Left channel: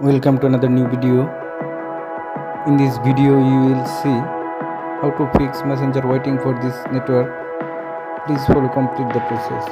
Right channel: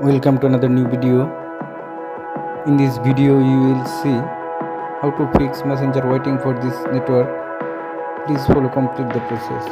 Welcome to another new video. In this video you will see how to fix messenger waiting for this network. Please follow complete the process.